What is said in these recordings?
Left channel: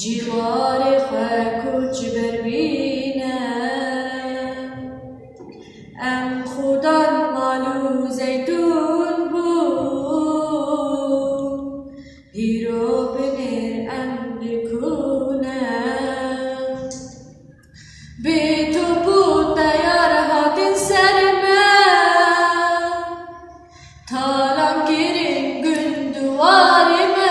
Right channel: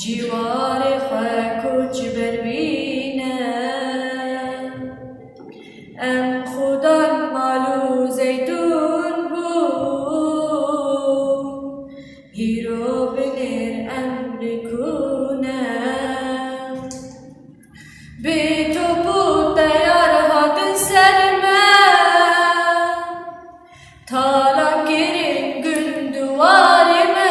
جوار خاکوچ بروینه ام خودان مالو زیتون بود هیرو بنر ام نکونه به تو بود تیار هاتن سرمه تالان گیرین گندوارمه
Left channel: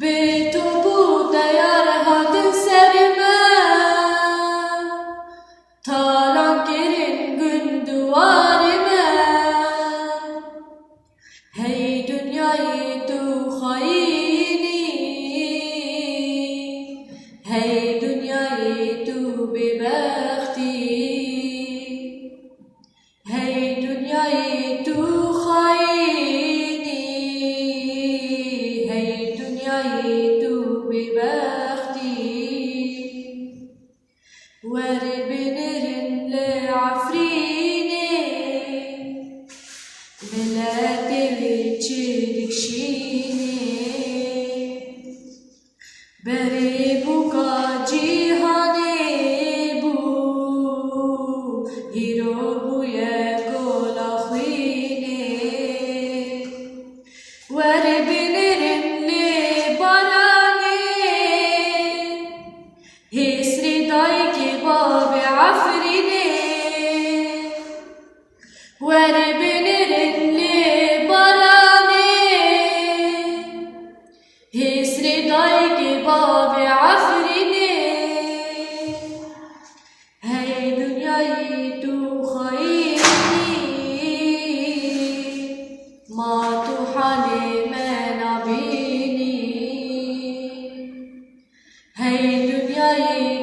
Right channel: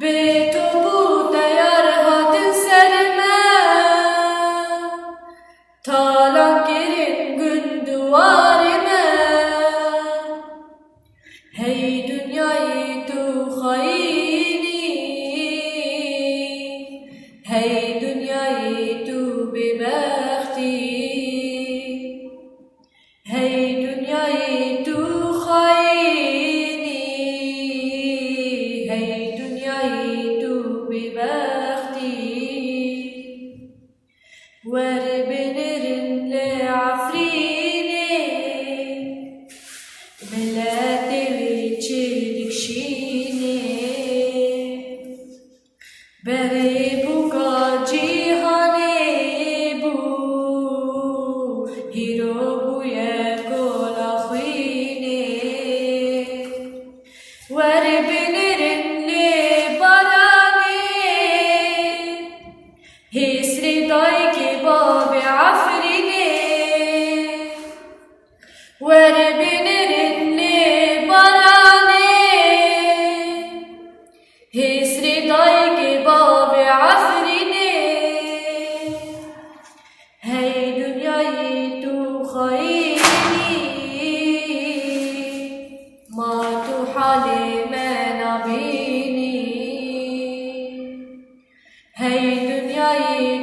به تو بود تیار هاتن سرمه تالان گیرین گندوارمه هی دنیای تو خاینی هی دنیای تو ببختی هی دنیای تو خاینی هی دنیای تو ببختی ور بنرن لعفرینه بلادي ويجيلك شيني بريبوكا جيهاني بو هيروبو ياكل أخويني وربنرني براني هيسري دايكي بابي عفريني وربنرني هسري ضايقي بابي عفريني هاي دنياي تو خايني ما تو حالي ما نبيني هاي دنياي